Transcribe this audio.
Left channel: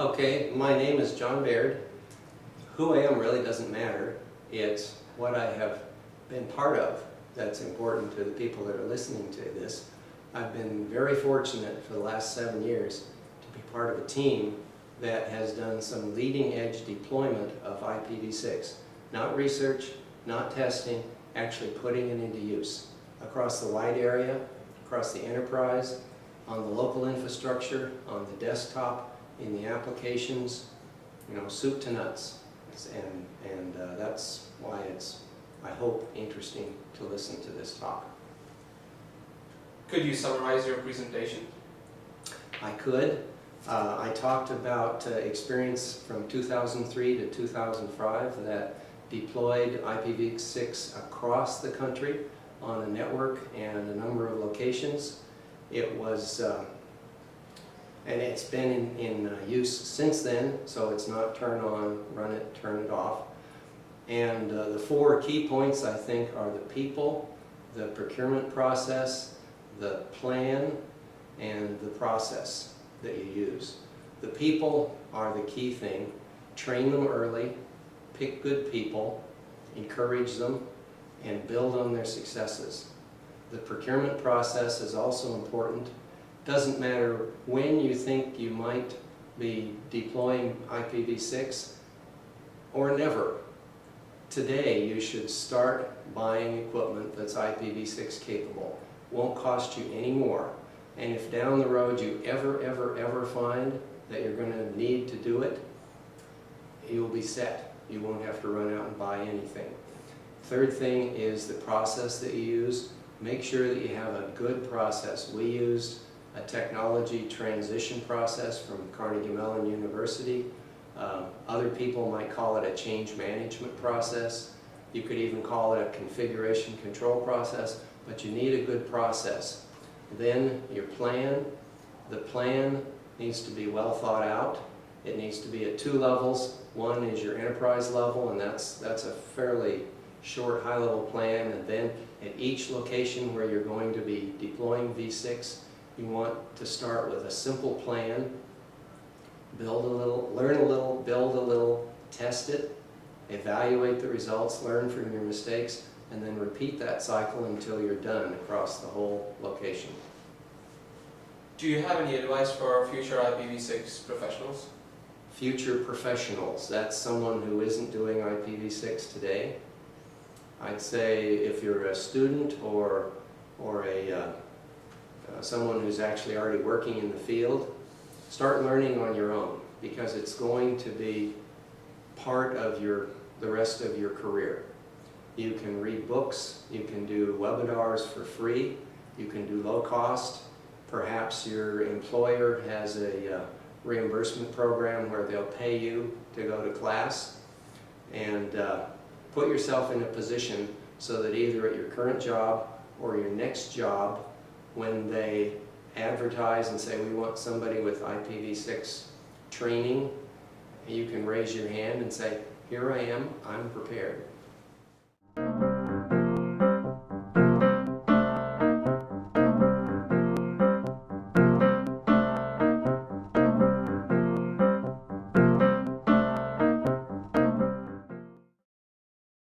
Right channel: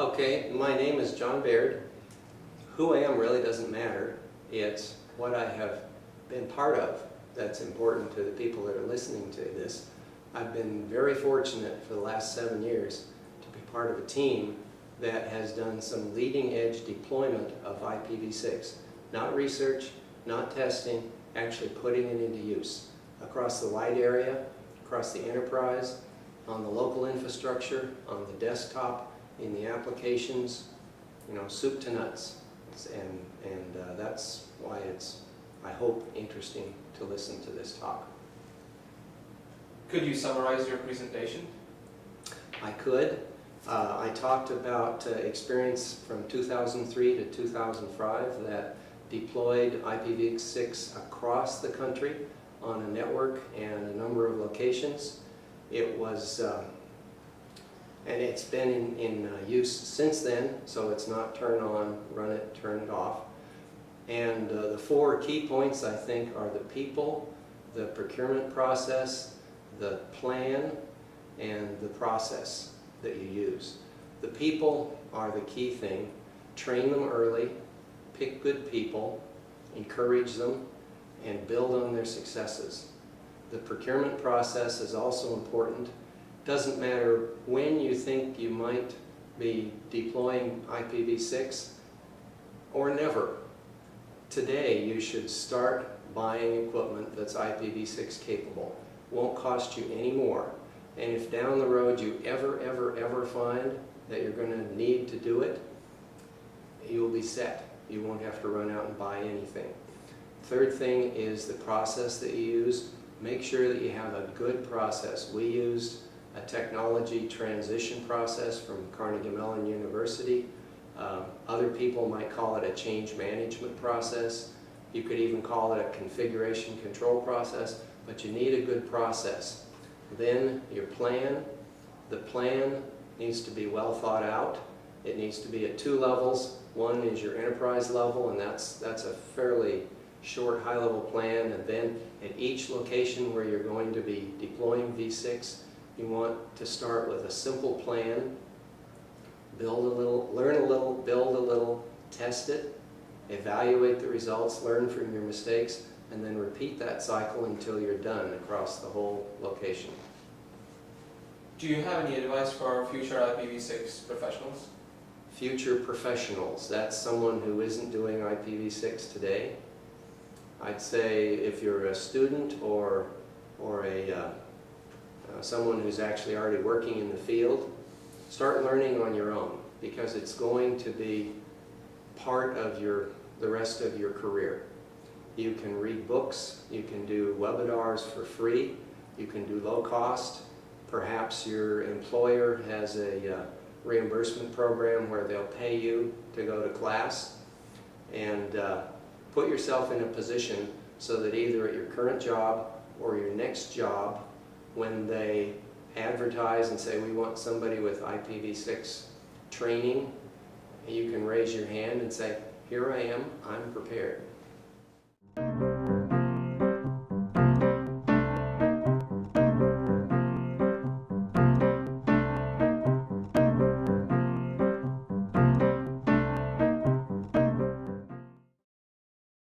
Okay, my name is John Baird. Who I am really doesn't matter. It's what I have been part of that's important to the people that are listening to this. I've been very fortunate for the last 7 years to be part of a team that has done some leading edge deployment of IPv6. Not research, not testing, actually putting it into use across the wide area, across the enterprise, on the local infrastructure, on the desktop, in the applications, soup to nuts. And that's why it's, I hope, interesting to listen to this talk. Could you summarize your presentation? I could. I talked about experience from 2003 to 2005 that deployed IPv6 across the country on a network and a number of locations. It was, and it's been in use since then, so it's not turn on, run it, turn it off. And the 4 key points, I think, are the people, the procurement process, the plan, and the process that you use. The people are the key thing. Train them early, pick good people, encourage them, and build on their successes. The procurement process is also important. Doesn't matter when you think you might be deploying IPv6 or never. Today you should start buying equipment that's IPv6 capable. Won't cost you any more. And if down the road you ever find that you're going to need to do it, you'll be set. You won't have to run out and buy anything. Third thing is the process that you use. Make sure that you have a good process. We used a technology transition process from Carnegie Mellon University. Other people might call it a change management process. You could even call it a configuration control process, but you need a good process. Then your plan. The plan needs to be well thought out. It needs to be at 2 levels. One is your enterprise level, and that's a fairly short high-level plan, and then at each location where you're going to be deploying v6, you want to start with a simple plan, build a little, learn a little, build a little, test it, evaluate the results, learn from your mistakes, and then repeat that cycle until you're done across the whole location. Do you have any advice for future IPv6 professionals? Future professionals, that's someone who isn't doing IPv6 today. I'd say if you're a student or someone who's actually already working in the field, start learning on your own, because it's going to be part of the rest of your career. You can read books, you can do webinars for free, you can do low cost. Perhaps your employer has a reimbursement program where they'll pay you to go to class, and put yourself in a position so that either at your current job or your next job, when they advertise and say we want somebody with IPv6 training, you can raise your hand and say, here I am, I'm prepared.